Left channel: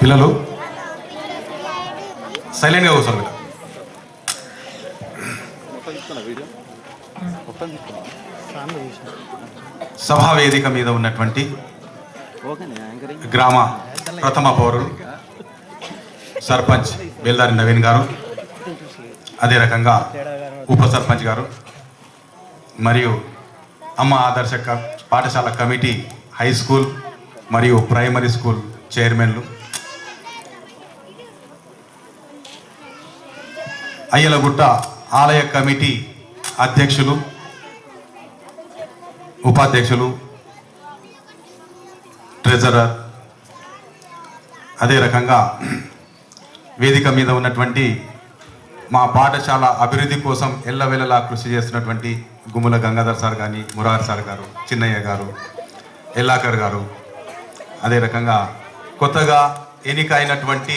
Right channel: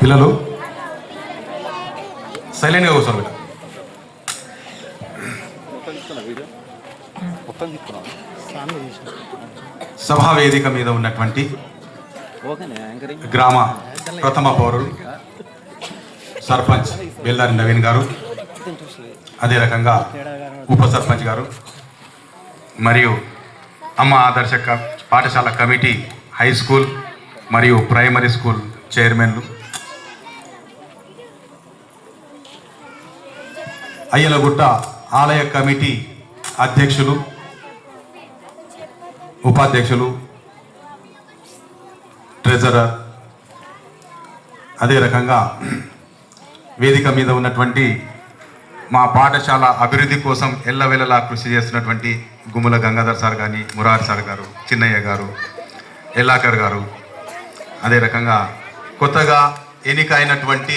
పిల్లలు సైలెంట్గా కూర్చోండి. సభా వేదిక మీద ఉన్నటువంటి గ్రామ ప్రథమ పౌరులు సర్పంచ్ బెల్లారి నవీన్ గారు, అదే రకంగా ఉప సర్పంచ్ గారు మరియు అమ్మ ఆదర్శ పాఠశాల కమిటీ హై స్కూల్ మరియు ప్రైమరీ స్కూల్ చైర్మన్లు, అయ్యలగుట్ట ఆలయ కమిటీ అధ్యక్షులు, ఉపాధ్యక్షులు, ట్రెజరర్, అదే రకంగా వేదిక మీద ఉన్నటువంటి మా పాఠశాల అభివృద్ధి కోసం ఎల్లవేళలా కృషి చేస్తున్నటువంటి గుమ్మల గంగాధర్ సార్ కానీ, మురారి సార్ గారు, చిన్నయ్య గారు, ఎల్లాకర్ గారు, అదే రకంగా కొత్తగా ఎన్నికైనటువంటి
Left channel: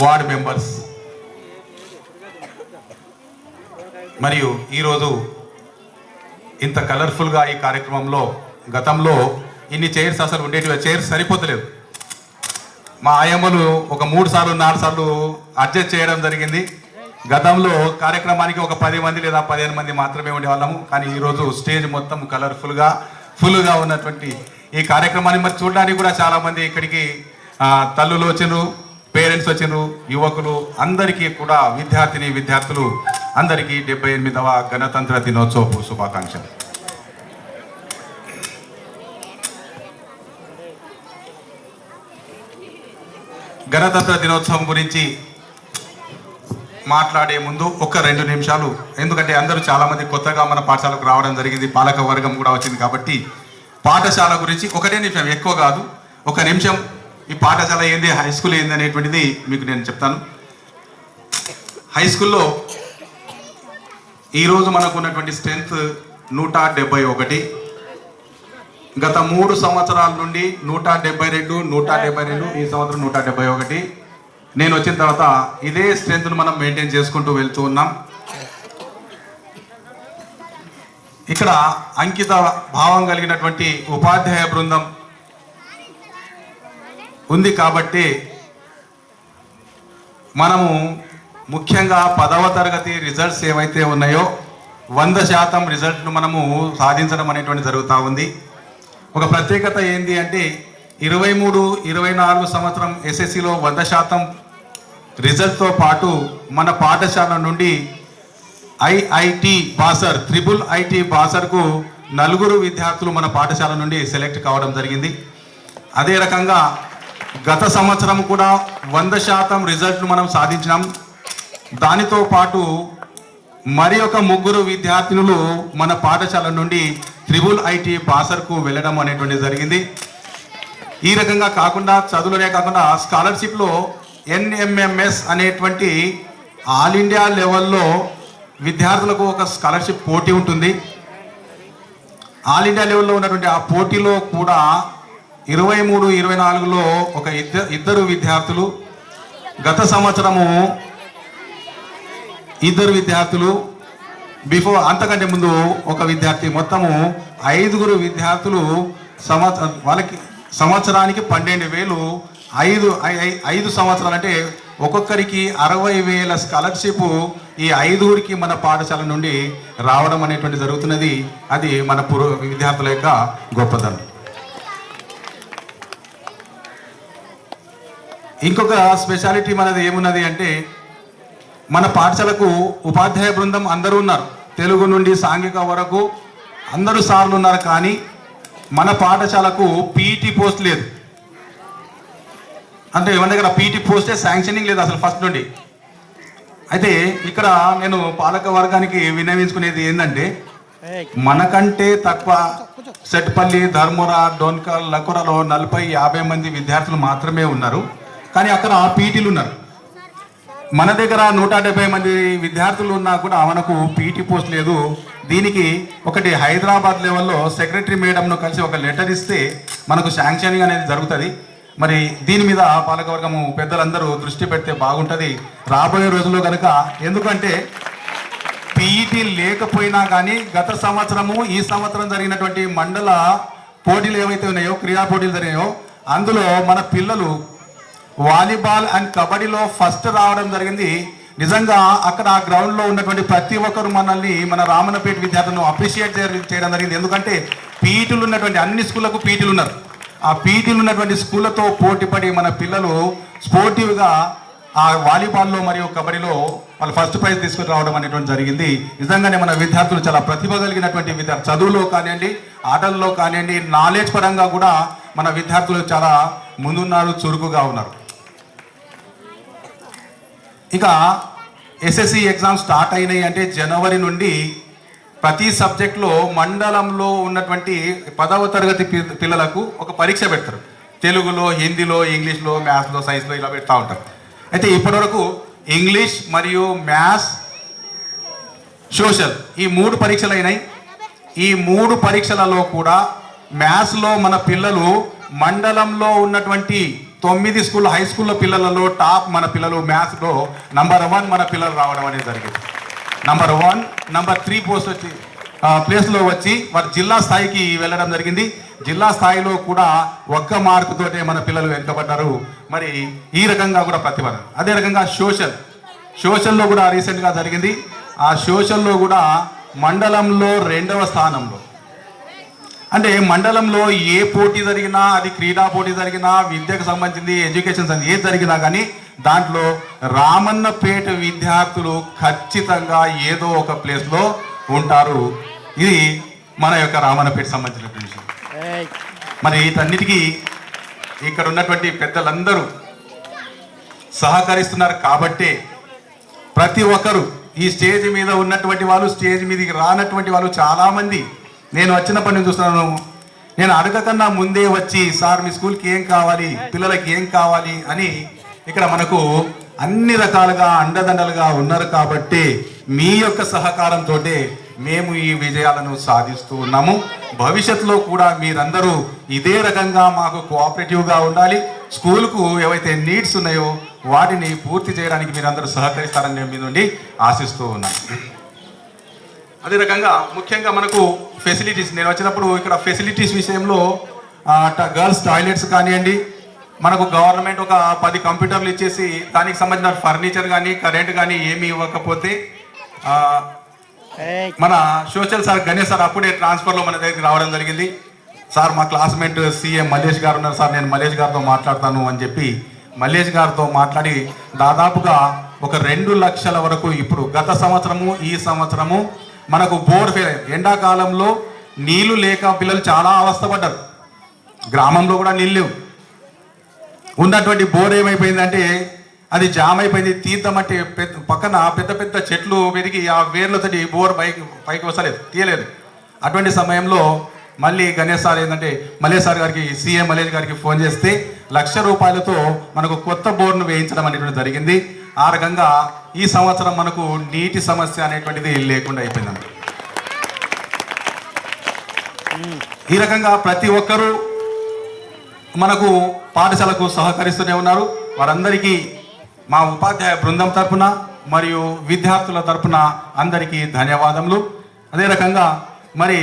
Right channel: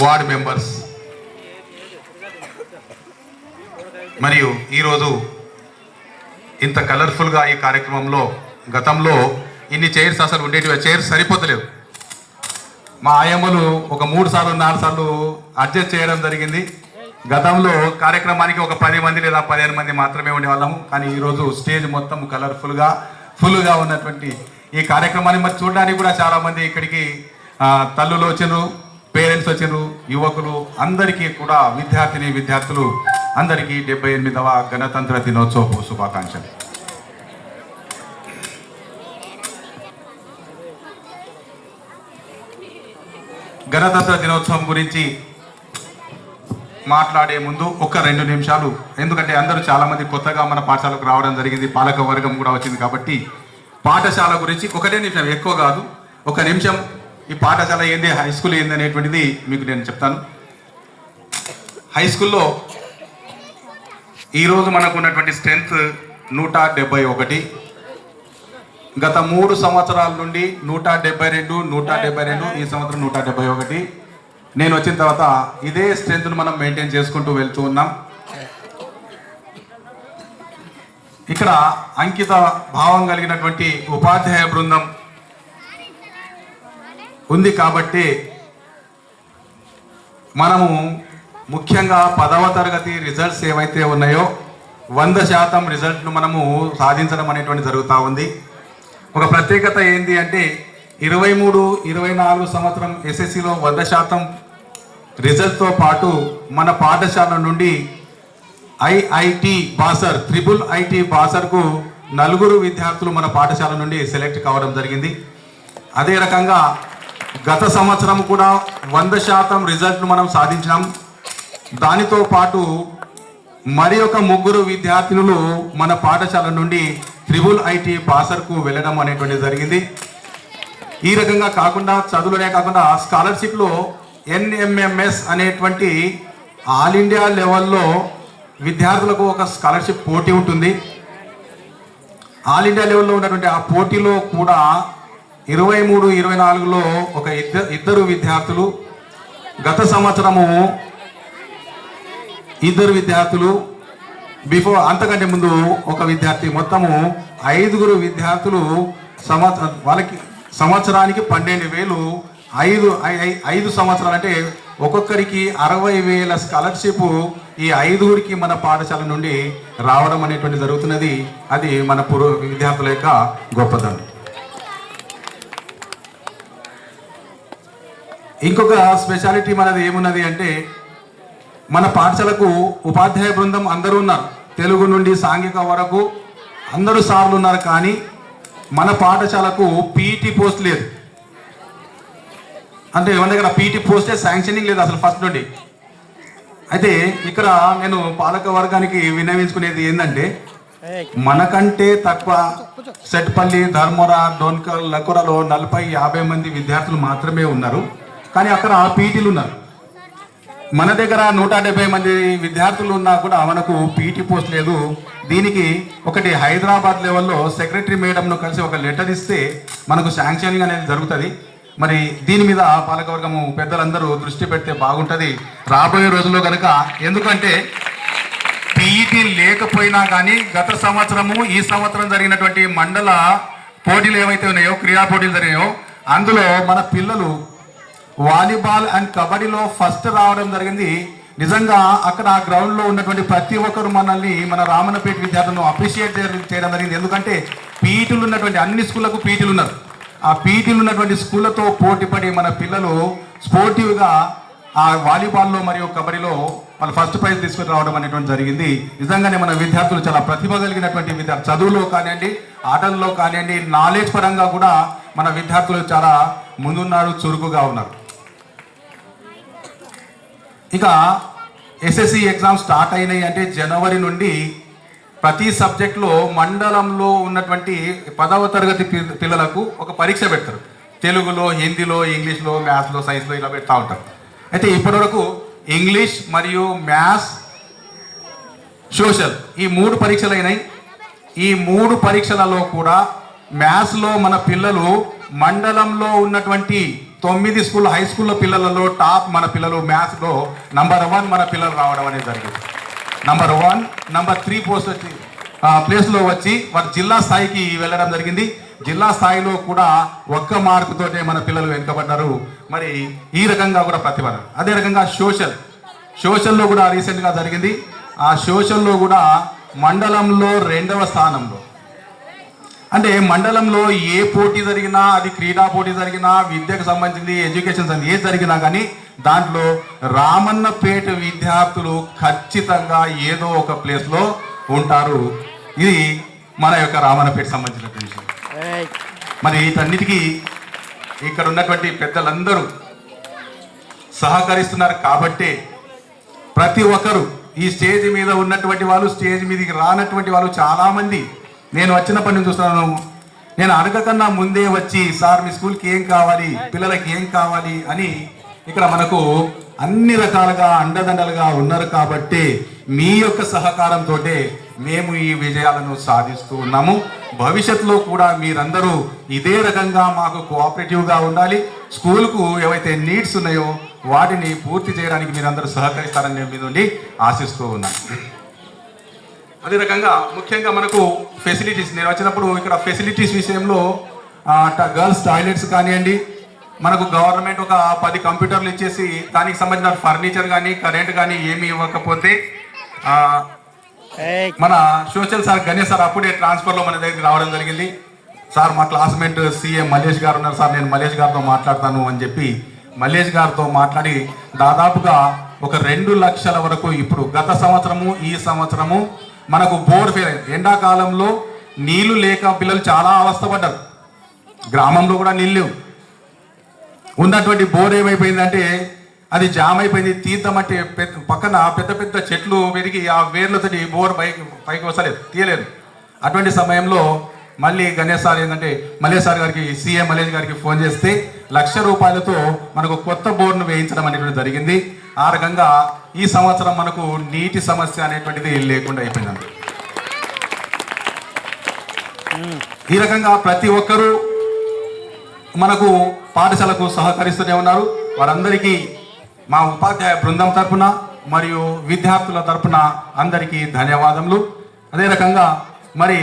వార్డ్ మెంబర్స్ మరియు ఈరోజు ఇంత కలర్ఫుల్గా ఈ కార్యక్రమంలో గతంలో ఇన్ని చైర్స్ అసలు ఉండేటివి, చైర్స్ సరిపోతలేవు. మా ఆయమ్మలు ఒక 3 సార్లు 4 సార్లు అడ్జస్ట్ చేయడం జరిగింది. గతంలో కార్యక్రమానికి ఒక 10 మంది లేదా 15 మంది మాత్రమే ఉండేవాళ్ళము. కానీ ఈరోజు స్టేజ్ మొత్తం కలర్ఫుల్గా ఫుల్గా ఉన్నటువంటి ఈ కార్యక్రమాన్ని మరి చూడడానికి కూడా చాలామంది ఇక్కడికి తల్లులు వచ్చిండ్రు, పేరెంట్స్ వచ్చిండ్రు, యువకులు అందరికీ కూడా విద్యార్థులు అందరికీ 78వ గణతంత్ర దినోత్సవ శుభాకాంక్షలు. గణతంత్ర దినోత్సవం గురించి మాట్లాడే ముందు ఒక 2 నిమిషాలు, ఎందుకంటే అందరూ చాలామంది కొత్తగా మన పాఠశాలకు రావడం జరిగింది, పాలక వర్గం కూడా వచ్చింది కాబట్టి పాఠశాల గురించి 1 నిమిషం, ఎక్కువ కాదు, 1 నిమిషం ఈ పాఠశాల ఏంది, హై స్కూల్ ఏంది అనేటువంటిది మీకు నేను చెప్తాను. హై స్కూల్లో ఈరోజు మనకు ఉన్నటువంటి స్ట్రెంత్ 171. గత 3 సంవత్సరాల నుండి 172 ఈ సంవత్సరం 171. నేను వచ్చిన తర్వాత ఇదే స్ట్రెంత్ను మనం మెయింటైన్ చేసుకుంటూ వెళ్తూ ఉన్నాం. ఇక్కడ అంకిత భావం కలిగినటువంటి ఉపాధ్యాయ బృందం ఉంది కాబట్టి మనము ముఖ్యంగా 10వ తరగతి రిజల్ట్స్ ఏవైతే ఉన్నాయో 100% రిజల్ట్ను మనము సాధించడం అనేటువంటి జరుగుతూ ఉంది. ఒక ప్రత్యేకత ఏంటి అంటే 23-24 సంవత్సరం ఎస్ఎస్సిలో 100% రిజల్ట్తో పాటు మన పాఠశాల నుండి ఐఐటి బాసర్, ట్రిపుల్ ఐటీ బాసర్కు 4 విద్యార్థులు మన పాఠశాల నుండి సెలెక్ట్ కావడం జరిగింది. అదే రకంగా గత సంవత్సరం కూడా 100% రిజల్ట్ను మనం సాధించినాం. దానితో పాటు మరి ఒక 3 విద్యార్థులు మన పాఠశాల నుండి ట్రిపుల్ ఐటీ బాసర్కు వెళ్ళడం అనేటువంటి జరిగింది. ఈ రకంగా కాకుండా చదువులనే కాకుండా స్కాలర్షిప్లో ఎన్ఎంఎంఎస్ అనేటువంటి ఆల్ ఇండియా లెవెల్లో విద్యార్థులకు ఒక స్కాలర్షిప్ పోటీ ఉంటుంది. ఆల్ ఇండియా లెవెల్లో ఉన్నటువంటి ఆ పోటీలో కూడా 23-24లో ఒక ఇద్దరు విద్యార్థులు, గత సంవత్సరము 2 విద్యార్థులు, అంతకంటే ముందు ఒక విద్యార్థి, మొత్తము 5 విద్యార్థులు వాళ్ళకి సంవత్సరానికి 12,000, 5 సంవత్సరాలు అంటే ఒక్కొక్కరికి 60,000 స్కాలర్షిప్ ఈ 5 మన పాఠశాల నుండి రావడం అనేటువంటి జరుగుతున్నది. అది మన విద్యార్థుల యొక్క గొప్పదనం. ఇంకొక స్పెషాలిటీ మనది ఏమున్నది అంటే మన పాఠశాలకు ఉపాధ్యాయ బృందం అందరూ ఉన్నారు, తెలుగు నుండి సాంఘిక వరకు అందరూ సార్లు ఉన్నారు. కానీ మన పాఠశాలకు పీఈటీ పోస్ట్ లేదు. అంటే మన దగ్గర పీఈటీ పోస్టే శాంక్షనింగ్ లేదు అసలు ఫస్ట్ నుండి. అయితే ఇక్కడ నేను పాలక వర్గానికి విన్నవించుకునేది ఏంటంటే మనకంటే తక్కువ సెట్పల్లి, ధర్మవర, డోన్కల్, లకురలో 40-50 మంది విద్యార్థులు మాత్రమే ఉన్నారు. కానీ అక్కడ పీఈటీలు ఉన్నారు. మన దగ్గర 170 మంది విద్యార్థులు ఉన్నా కూడా మనకు పీఈటీ పోస్ట్ లేదు. దీనికి ఒకటి హైదరాబాద్ లెవెల్లో సెక్రటరీ మేడంను కలిసి ఒక లెటర్ ఇస్తే మనకు శాంక్షనింగ్ అనేది జరుగుతుంది. మరి దీని మీద పాలకవర్గము పెద్దలందరూ దృష్టి పెడితే బాగుంటుంది రాబోయే రోజుల్లో కనుక. ఎందుకంటే పీఈటీ లేకపోయినా కానీ గత సంవత్సరము ఈ సంవత్సరం జరిగినటువంటి మండల పోటీలు ఏవైతే ఉన్నాయో, క్రీడా పోటీలు జరిగాయో, అందులో మన పిల్లలు వాలీబాల్ అండ్ కబడ్డీలో ఫస్ట్ రావడం జరిగింది. నిజంగా అక్కడ ఆ గ్రౌండ్లో ఉన్నటువంటి ప్రతి ఒక్కరు మనల్ని మన రామన్నపేట విద్యార్థులను అప్రిషియేట్ చేయడం జరిగింది. ఎందుకంటే పీటీలు ఉన్నటువంటి అన్ని స్కూళ్ళకు పీటీలు ఉన్నారు. ఆ పీటీలు ఉన్నటువంటి స్కూళ్ళతో పోటీపడి మన పిల్లలు స్పోర్టివ్గా ఆ వాలీబాల్లో మరియు కబడ్డీలో వాళ్ళు ఫస్ట్ ప్రైజ్ తీసుకుని రావడం అనేటువంటి జరిగింది. నిజంగానే మన విద్యార్థులు చాలా ప్రతిభ కలిగినటువంటి విద్యార్థులు, చదువులో కానివ్వండి, ఆటల్లో కానివ్వండి, నాలెడ్జ్ పరంగా కూడా మన విద్యార్థులు చాలా ముందున్నారు, చురుకుగా ఉన్నారు. ఇక ఎస్ఎస్సి ఎగ్జామ్ స్టార్ట్ అయినాయి అంటే జనవరి నుండి ప్రతి సబ్జెక్ట్లో మండలంలో ఉన్నటువంటి 10వ తరగతి పిల్లలకు ఒక పరీక్ష పెడతారు. తెలుగులో, హిందీలో, ఇంగ్లీష్లో, మ్యాథ్స్లో, సైన్స్లో ఇలా పెడతా ఉంటారు. అయితే ఇప్పటివరకు ఇంగ్లీష్ మరియు మ్యాథ్స్, సోషల్ ఈ 3 పరీక్షలు అయినాయి. ఈ 3 పరీక్షలలో కూడా మ్యాథ్స్లో మన పిల్లలు మండలంలో ఉన్నటువంటి 9 స్కూల్ హై స్కూల్లో పిల్లలలో టాప్ మన పిల్లలు మ్యాథ్స్లో నంబర్ 1 మన పిల్లలు రావడం అనేది జరిగింది. నంబర్ 1, నంబర్ 3 ప్లేస్లో వచ్చి వారు జిల్లా స్థాయికి వెళ్ళడం జరిగింది. జిల్లా స్థాయిలో కూడా 1 మార్కుతోటే మన పిల్లలు వెనుకబడ్డారు. మరి ఈ రకంగా కూడా ప్రతిభ. అదే రకంగా సోషల్లో కూడా రీసెంట్గా జరిగింది. ఆ సోషల్లో కూడా మండలంలో 2వ స్థానంలో. అంటే మండలంలో ఏ పోటీ జరిగినా, అది క్రీడా పోటీ జరిగినా, విద్యకు సంబంధించింది, ఎడ్యుకేషన్ ఏది జరిగినా కానీ దాంట్లో రామన్నపేట విద్యార్థులు ఖచ్చితంగా ఏదో ఒక ప్లేస్లో ఉంటారు. ఇది మన యొక్క రామన్నపేట సంబంధించిన విషయం. మరి వీటన్నిటికీ ఇక్కడ ఉన్నటువంటి పెద్దలందరూ సహకరిస్తున్నారు కాబట్టే ప్రతి ఒక్కరు ఈ స్టేజ్ మీద ఉన్నటువంటి వాళ్ళు, స్టేజ్ మీదకి రానటువంటి వాళ్ళు చాలామంది నేను వచ్చినప్పటి నుంచి చూస్తున్నాను. నేను అడగకన్నా ముందే వచ్చి సార్ మీ స్కూల్కి ఏం కావాలి, పిల్లలకి ఏం కావాలి అని ఇక్కడ మనకు అన్ని రకాలుగా అండదండలుగా ఉన్నారు. కాబట్టి మీ యొక్క సహకారంతో మేము ఈ విజయాలను సాధిస్తూ ఉన్నాము. భవిష్యత్తులో కూడా మీరందరూ ఇదే రకంగా మాకు కోఆపరేటివ్గా ఉండాలి. స్కూల్కు ఏవైతే నీడ్స్ ఉన్నాయో వాటిని పూర్తి చేయడానికి మీరందరూ సహకరిస్తారని మీ నుండి ఆశిస్తూ ఉన్నాను. అదే రకంగా ముఖ్యంగా మనకు ఫెసిలిటీస్, నేను వచ్చినప్పుడు ఇక్కడ ఫెసిలిటీస్ విషయంలో గర్ల్స్ టాయిలెట్స్ కానివ్వండి, మనకు గవర్నమెంట్ ఒక 10 కంప్యూటర్లు ఇచ్చేసి దానికి సంబంధించిన ఫర్నిచర్ కానీ కరెంట్ కానీ ఏమి ఇవ్వకపోతే మన సోషల్ సార్ గణేష్ సార్ అప్పుడే ట్రాన్స్ఫర్లో మన దగ్గరికి రావడం జరిగింది. సార్ మా క్లాస్మేట్ సీఎం మల్లేష్ గారు ఉన్నారు సార్, నేను మల్లేష్ గారితో మాట్లాడతాను అని చెప్పి మల్లేష్ గారితో మాట్లాడి దాదాపుగా ఒక 2 లక్షల వరకు ఇప్పుడు గత సంవత్సరము ఈ సంవత్సరము మనకు బోర్ ఎండాకాలంలో నీళ్లు లేక పిల్లలు చాలా అవస్థపడ్డారు. గ్రామంలో కూడా నీళ్ళు లేవు. ఉన్నటువంటి బోర్ ఏమైపోయిందంటే అది జామ్ అయిపోయింది. తీద్దామంటే పక్కన పెద్ద పెద్ద చెట్లు పెరిగి ఆ వేర్లతోటి బోర్ పైకి వస్తలేదు, తీయలేదు. అటువంటి సమయంలో మళ్ళీ గణేష్ సార్ ఏంటంటే మల్లేష్ సార్ గారికి, సీఎం మల్లేష్ గారికి ఫోన్ చేస్తే 1,00,000 రూపాయలతో మనకు కొత్త బోర్ను వేయించడం అనేటువంటి జరిగింది. ఆ రకంగా ఈ సంవత్సరం మనకు నీటి సమస్య అనేటువంటిది లేకుండా అయిపోయిందండి. ఈ రకంగా ప్రతి ఒక్కరూ మనకు పాఠశాలకు సహకరిస్తూనే ఉన్నారు. వారందరికీ మా ఉపాధ్యాయ బృందం తరపున మరియు విద్యార్థుల తరపున అందరికీ ధన్యవాదములు. అదే రకంగా మరి